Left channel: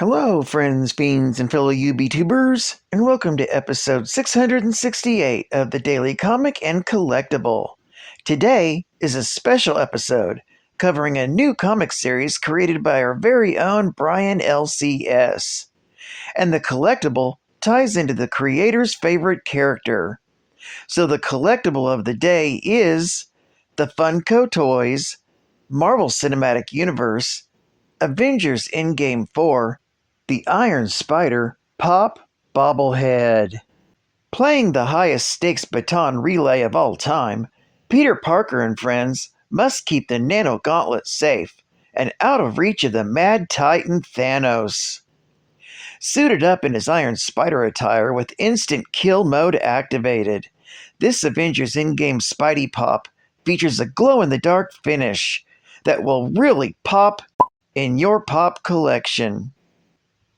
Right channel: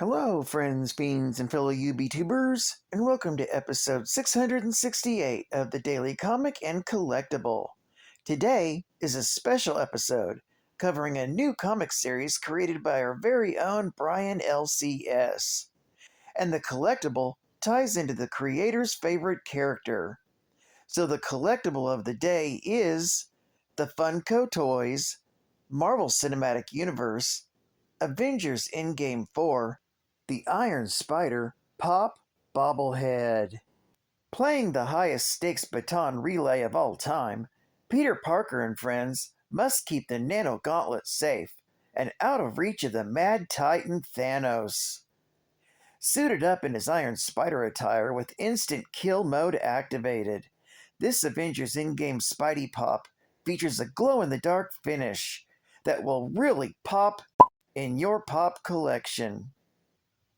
Hello, friends, fiends, and fellow UBTubers, and welcome to episode 668 of the Daily Comic and Collectible. Today is a special episode covering a new comic series created by our very own Brian LCS. And the collectible ties into the creator's favorite character. So the collectible of the day is the Funko Toys, Marvel Cinematic Universe, Avengers Endgame 4, the Iron Spider Pop Bobblehead. Playing the highest stakes baton relay of all time, Peter Parker and friends must keep the Nano Gauntlet safe and out of reach of the Mad Titan Thanos. Suited up in his Iron Spider attire with instant kill mode activated, this Avengers Endgame Spidey Pop features a glow-in-the-dark finish that will really pop in your pop collection.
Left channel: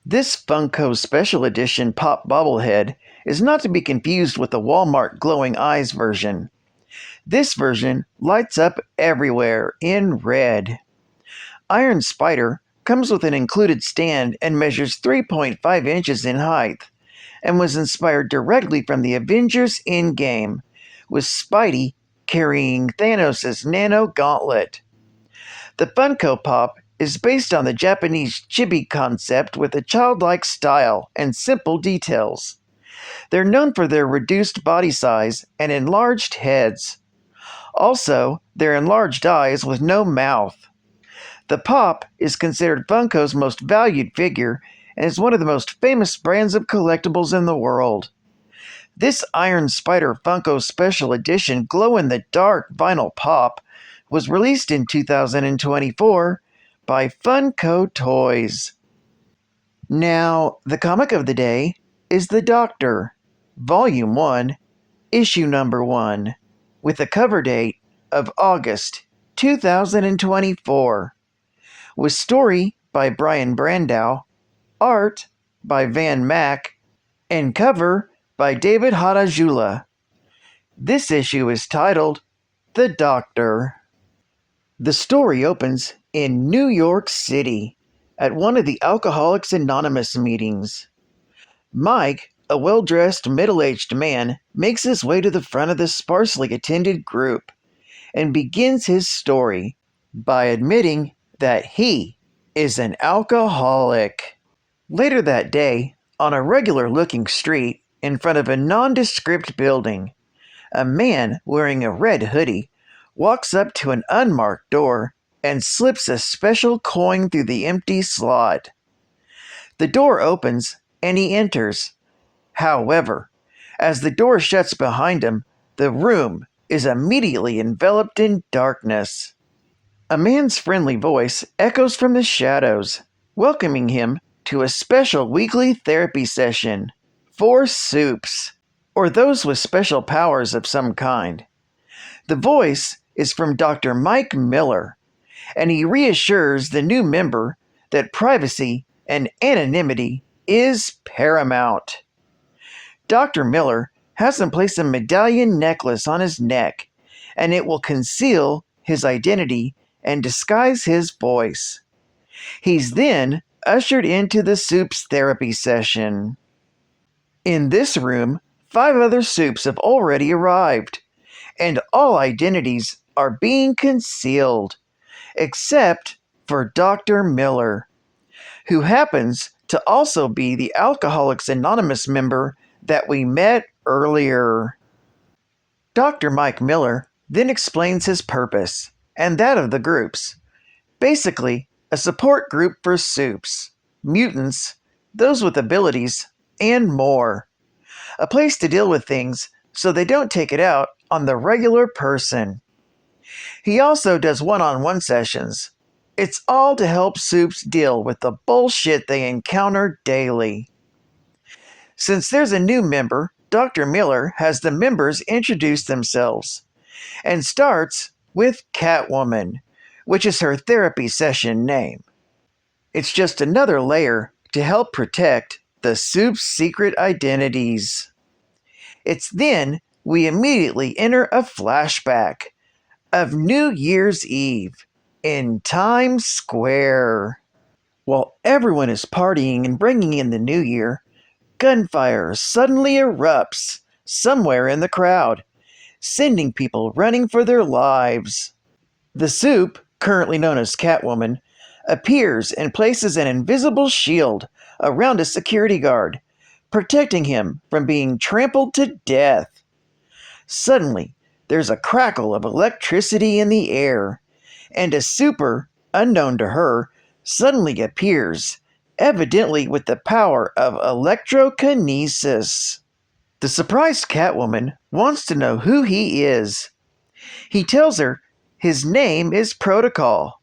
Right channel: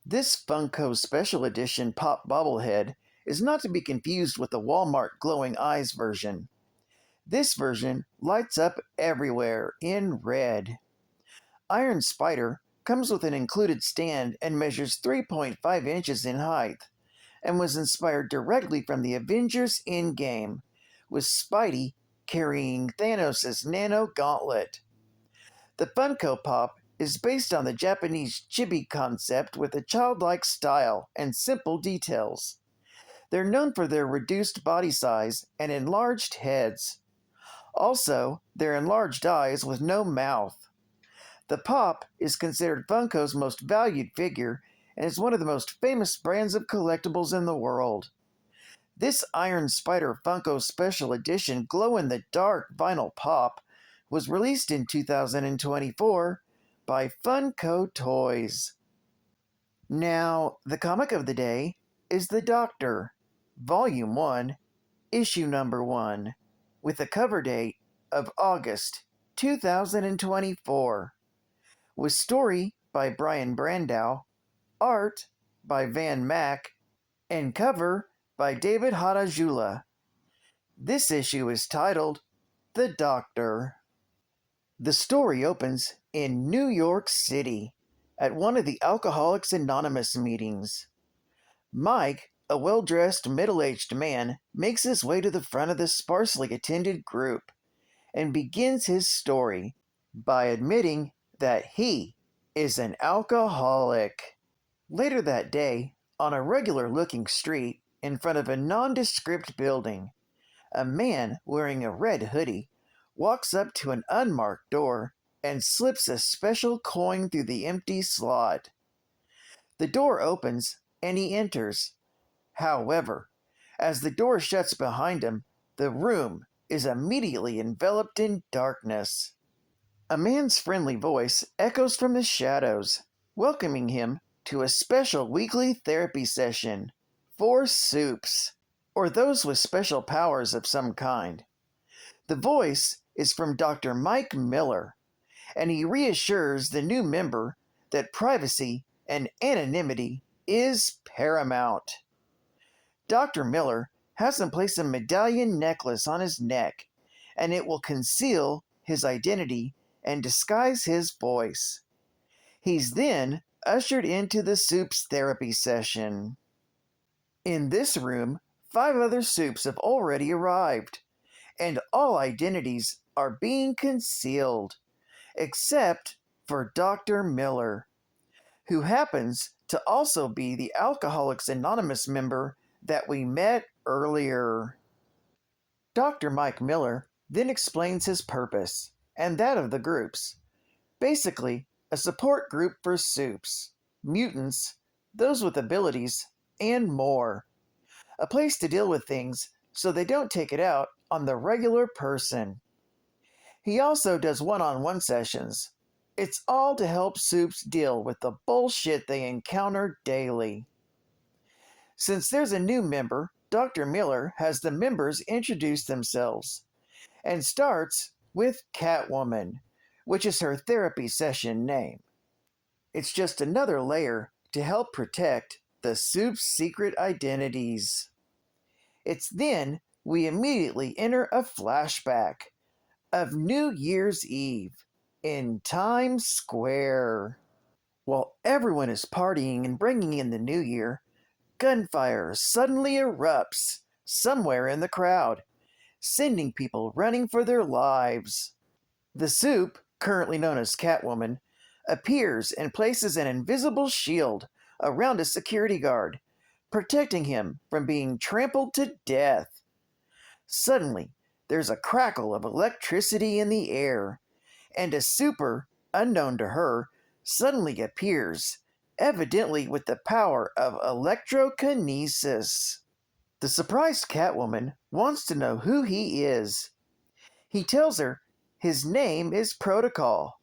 This Funko Special Edition Pop Bobblehead is not to be confused with the Walmart Glowing Eyes version. This version lights up everywhere in red. Iron Spider comes with an included stand and measures 3.5 inches in height, and was inspired directly from the Avengers Endgame, with Spidey carrying Thanos' Nano Gauntlet. The Funko Pop is based on the Japanese chibi concept with a childlike style and simple details. They're known for their reduced body size and enlarged heads. Also, their enlarged eyes with no mouth. The Pop is considered Funko's most valued figure and is one of the most famous brands of collectibles in the world. This Iron Spider Funko Special Edition glow-in-the-dark vinyl Pop was released in 2024 by Funko Toys. Now, the comic of the day is The Doctor, Volume 1, Issue Number 1, with a cover date of August 2024, with story by Brian Brandow, art by Van Mack, and cover by David Hadajula. This issue is titled The Doctor. The story opens in New York City at one of the Alcoholics Anonymous meetings. Mike, a well-dressed, middle-aged man, makes his way to the front of the sparsely attended group and begins his story by admitting that he is an alcoholic. Later that day, on a regular-looking street in front of a nondescript building, a man wearing a red hoodie walks up to an unmarked door and slips a special coin through the empty slot. The door opens and he enters. However, as the door shuts behind him, the room is immediately enveloped in darkness. A man's friendly voice echoes from the shadows, welcoming him to a special weekly therapy session for soups, or those with special powers of some kind. The voice is from Dr. Mike Miller, and he reassures the new member that privacy and anonymity is paramount. Dr. Miller has him place a medallion necklace on his neck, and it will conceal his identity and disguise his voice. He's then ushered into the soups therapy session. In this room, 5 other soups have already arrived, and all identities are being concealed, except for Dr. Miller, who happens to also be the Alcoholics Anonymous member that we met earlier. Dr. Mike Miller then explains his purpose, and that of the groups. Basically, a support group for soups, mutants, those with abilities, and more. A place to deal with things so they don't take it out on the regular person. He also does one-on-one sessions. It's all to help soups deal with the bullshit they encounter daily. Since there's a new member, Dr. Miller has the members introduce themselves, and starts with Catwoman, which is her therapy session name. It's just another layer to help protect the soup's secret identities. It's then we immediately enter a flashback of New Year's Eve in Times Square. While everyone is partying and bringing in the new year, gunfire suddenly erupts somewhere in the crowd, sending people running for their lives. The Soup, currently known as Catwoman, appears and places an invisible shield around a security guard, protecting him from being trampled to death. Suddenly, there's a crackle of electricity in the air, and a super, unknown to her, suddenly appears, evidently with the power of electrokinesis. The surprised Catwoman wants to know who he is. He tells her his name is Protocol,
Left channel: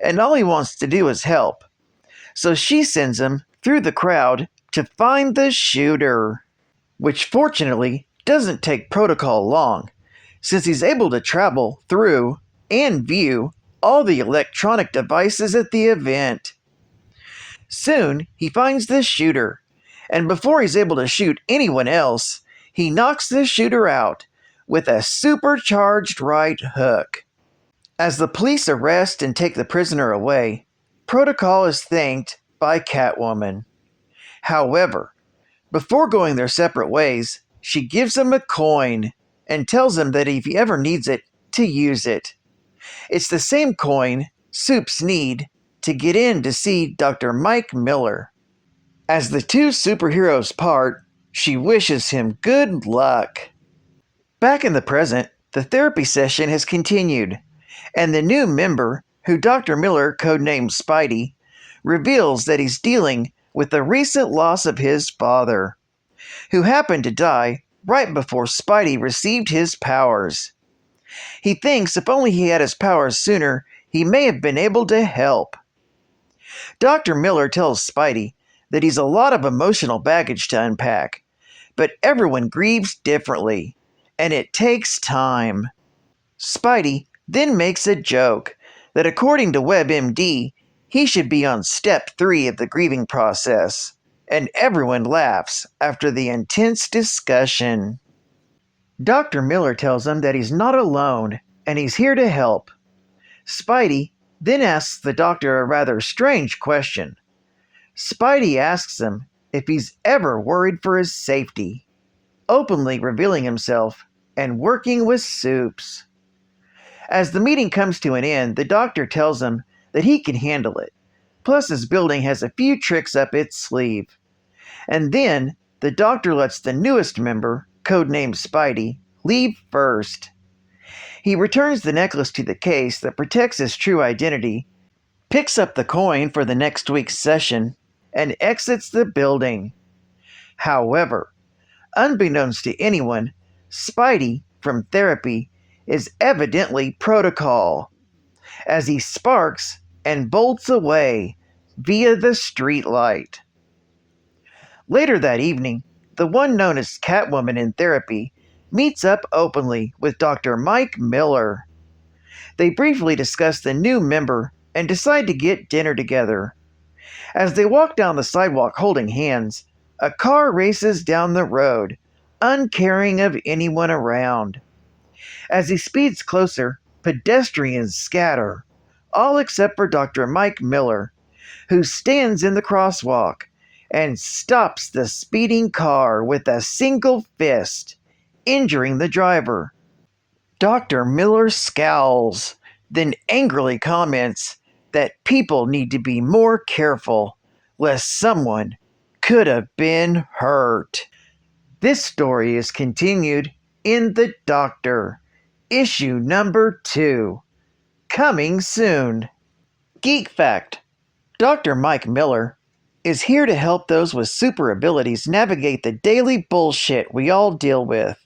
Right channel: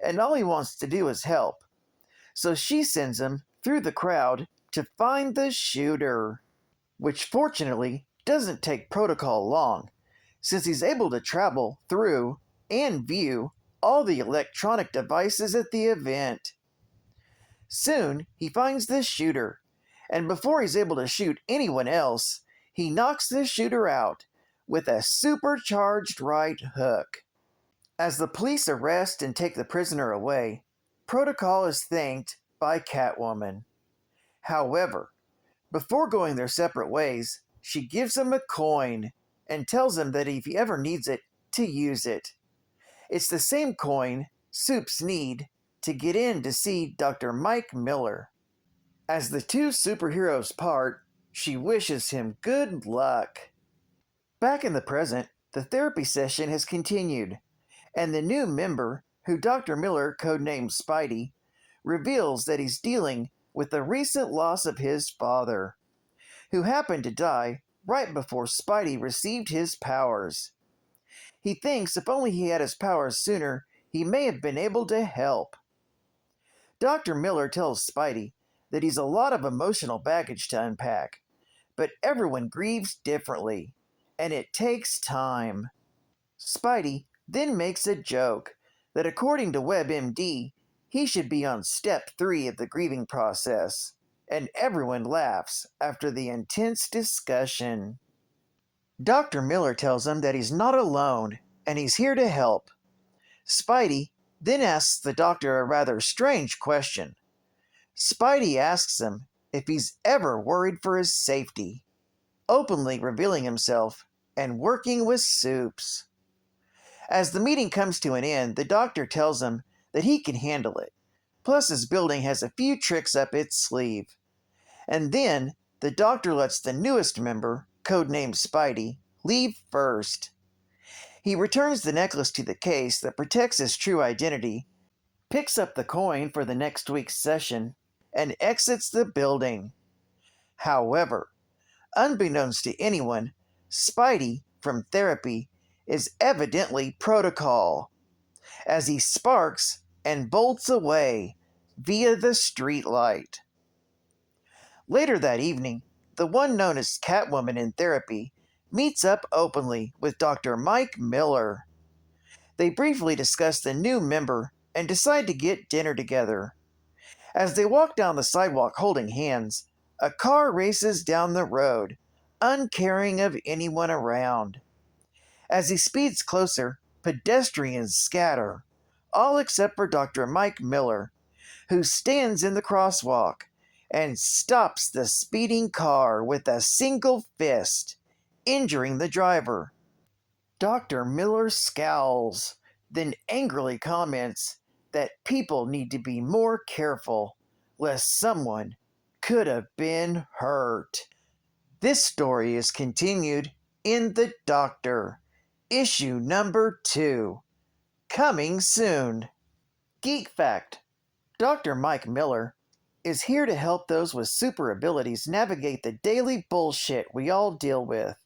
and all he wants to do is help. So she sends him through the crowd to find the shooter, which fortunately doesn't take Protocol long, since he's able to travel through and view all the electronic devices at the event. Soon, he finds the shooter, and before he's able to shoot anyone else, he knocks the shooter out with a supercharged right hook. As the police arrest and take the prisoner away, Protocol is thanked by Catwoman. However, before going their separate ways, she gives him a coin and tells him that if he ever needs it, to use it. It's the same coin Soups need to get in to see Dr. Mike Miller. As the two superheroes part, she wishes him good luck. Back in the present, the therapy session has continued, and the new member, who Dr. Miller codenamed Spidey, reveals that he's dealing with the recent loss of his father, who happened to die right before Spidey received his powers. He thinks if only he had his powers sooner, he may have been able to help. Dr. Miller tells Spidey that he's a lot of emotional baggage to unpack, but everyone grieves differently, and it takes time. Spidey then makes a joke that according to WebMD, he should be on step 3 of the grieving process, and everyone laughs after the intense discussion. Dr. Miller tells him that he's not alone, and he's here to help. Spidey then asks the doctor a rather strange question. Spidey asks him if he's ever worried for his safety, openly revealing himself and working with Soups. As the meeting comes to an end, the doctor tells him that he can handle it, plus his building has a few tricks up its sleeve. And then the doctor lets the newest member, codenamed Spidey, leave first. He returns the necklace to the case that protects his true identity, picks up the coin for the next week's session, and exits the building. However, unbeknownst to anyone, Spidey, from therapy, is evidently Protocol, as he sparks and bolts away via the streetlight. Later that evening, the one known as Catwoman in therapy meets up openly with Dr. Mike Miller. They briefly discuss the new member and decide to get dinner together. As they walk down the sidewalk holding hands, a car races down the road, uncaring of anyone around. As he speeds closer, pedestrians scatter, all except for Dr. Mike Miller, who stands in the crosswalk and stops the speeding car with a single fist, injuring the driver. Dr. Miller scowls, then angrily comments that people need to be more careful, lest someone could have been hurt. This story is continued in The Doctor, issue number 2, coming soon. Geek Fact: Dr. Mike Miller is here to help those with super abilities navigate the daily bullshit we all deal with.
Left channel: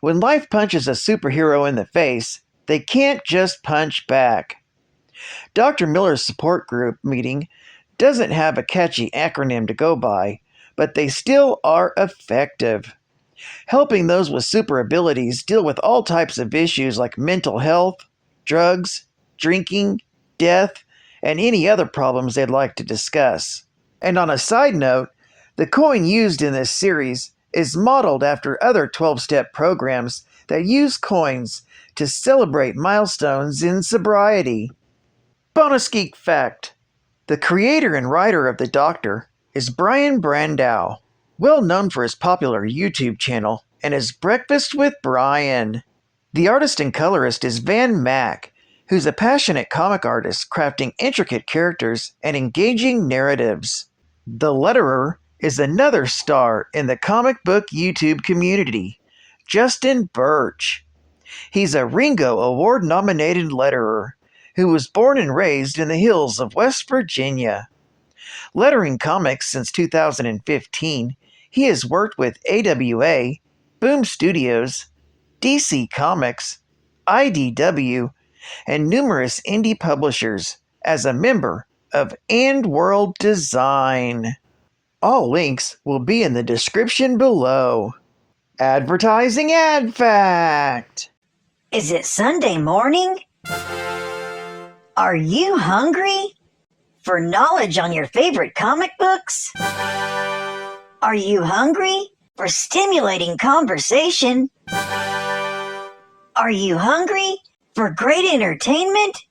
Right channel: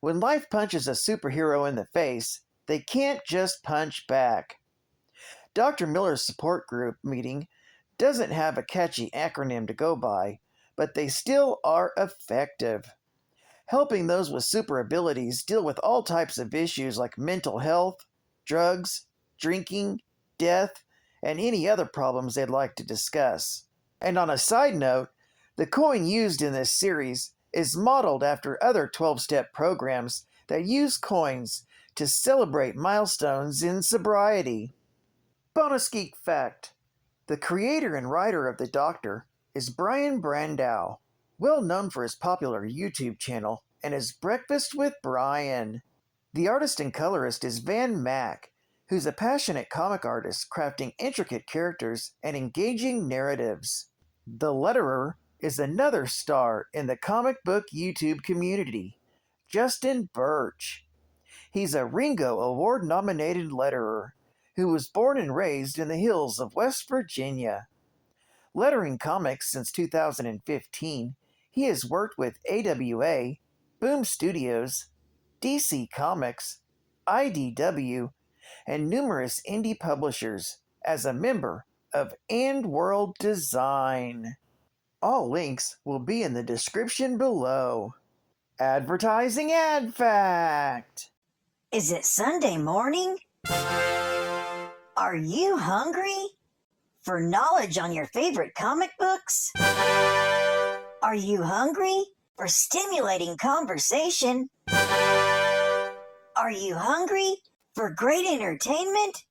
When life punches a superhero in the face, they can't just punch back. Dr. Miller's support group meeting doesn't have a catchy acronym to go by, but they still are effective, helping those with super abilities deal with all types of issues like mental health, drugs, drinking, death, and any other problems they'd like to discuss. And on a side note, the coin used in this series is modeled after other 12-step programs that use coins to celebrate milestones in sobriety. Bonus Geek Fact: The creator and writer of The Doctor is Brian Brandow, well known for his popular YouTube channel and his Breakfast with Brian. The artist and colorist is Van Mack, who's a passionate comic artist crafting intricate characters and engaging narratives. The letterer is another star in the comic book YouTube community, Justin BIRCH. He's a Ringo Award-nominated letterer who was born and raised in the hills of West Virginia. Lettering comics since 2015, he has worked with AWA, Boom Studios, DC Comics, IDW, and numerous indie publishers as a member of ANDWORLD Design. All links will be in the description below. Advertising Ad Fact! Is it Sunday morning? Are you hungry for knowledge on your favorite comic books? Are you hungry for stimulating conversation? Are you hungry for great entertainment?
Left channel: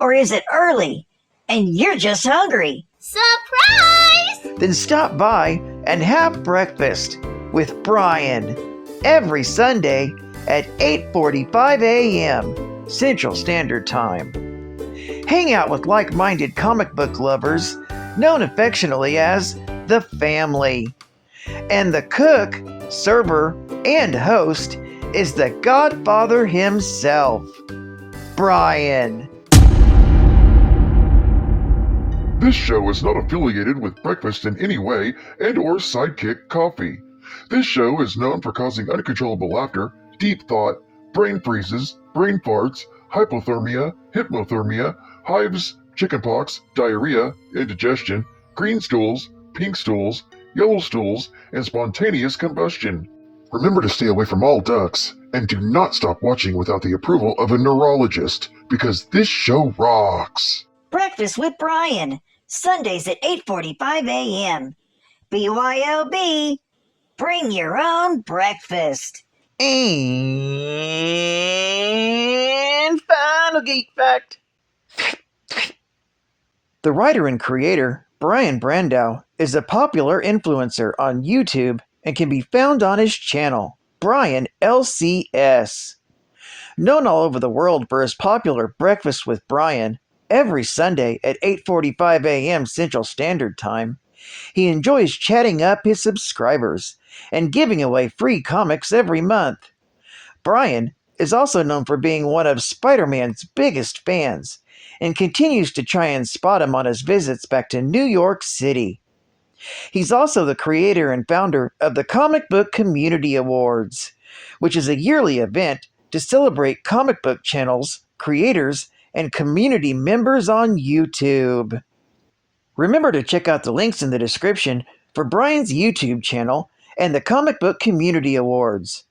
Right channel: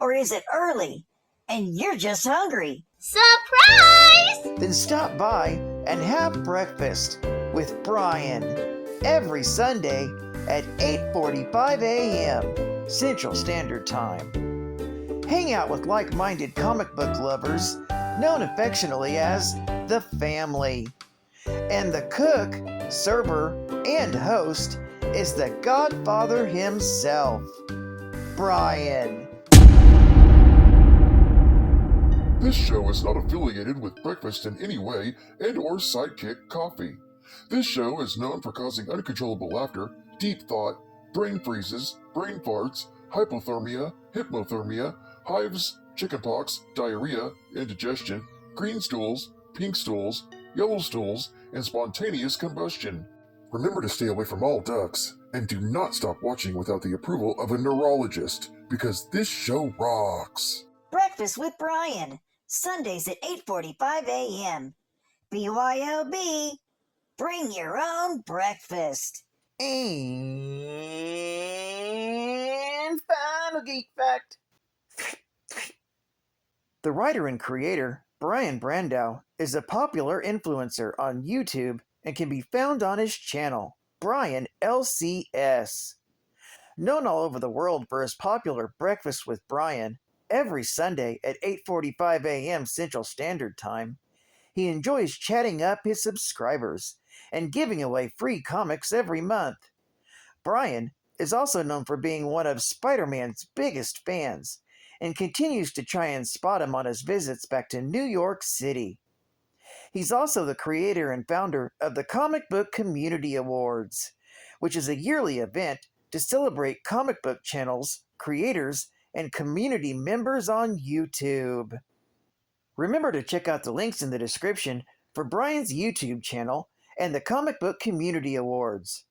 Or is it early and you're just hungry? Surprise! Then stop by and have breakfast with Brian every Sunday at 8:45 a.m. Central Standard Time. Hang out with like-minded comic book lovers, known affectionately as the family. And the cook, server, and host is the Godfather himself, Brian. This show is not affiliated with breakfast in any way and/or Sidekick Coffee. This show is known for causing uncontrollable laughter, deep thought, brain freezes, brain farts, hypothermia, hypnothermia, hives, chickenpox, diarrhea, indigestion, green stools, pink stools, yellow stools, and spontaneous combustion. Remember to stay away from all ducks, and do not stop watching without the approval of a neurologist, because this show rocks. Breakfast with Brian, Sundays at 8:45 a.m. BYOB, bring your own breakfast. And final geek fact. The writer and creator, Brian Brandow, is a popular influencer on YouTube and can be found on his channel, Brian LCS. Known all over the world for his popular Breakfast with Brian, every Sunday at 8:45 a.m. Central Standard Time, he enjoys chatting up his subscribers and giving away free comics every month. Brian is also known for being one of Spider-Man's biggest fans and continues to try and spot him on his visits back to New York City. He's also the creator and founder of the Comic Book Community Awards, which is a yearly event to celebrate comic book channels, creators, and community members on YouTube. Remember to check out the links in the description for Brian's YouTube channel and the Comic Book Community Awards.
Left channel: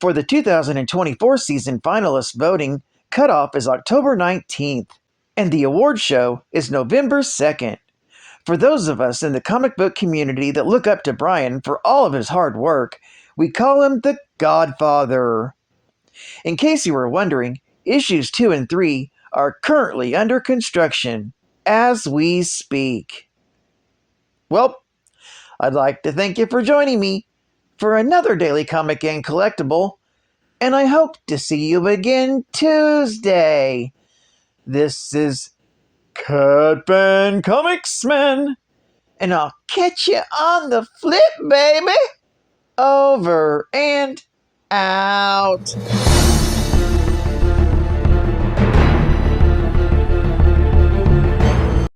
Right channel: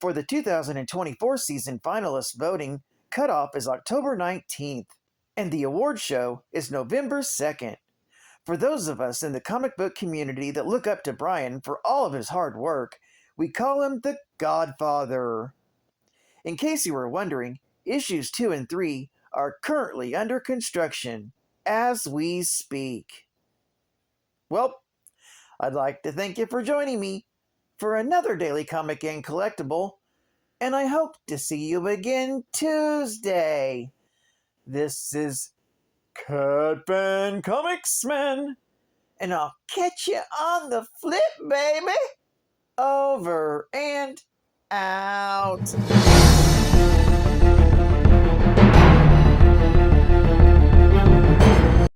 For the 2024 season finalist voting, cutoff is October 19th, and the award show is November 2nd. For those of us in the comic book community that look up to Brian for all of his hard work, we call him the Godfather. In case you were wondering, issues 2 and 3 are currently under construction as we speak. Well, I'd like to thank you for joining me for another Daily Comic and Collectible, and I hope to see you again Tuesday. This is Catman Comicsman, and I'll catch you on the flip, baby. Over and out.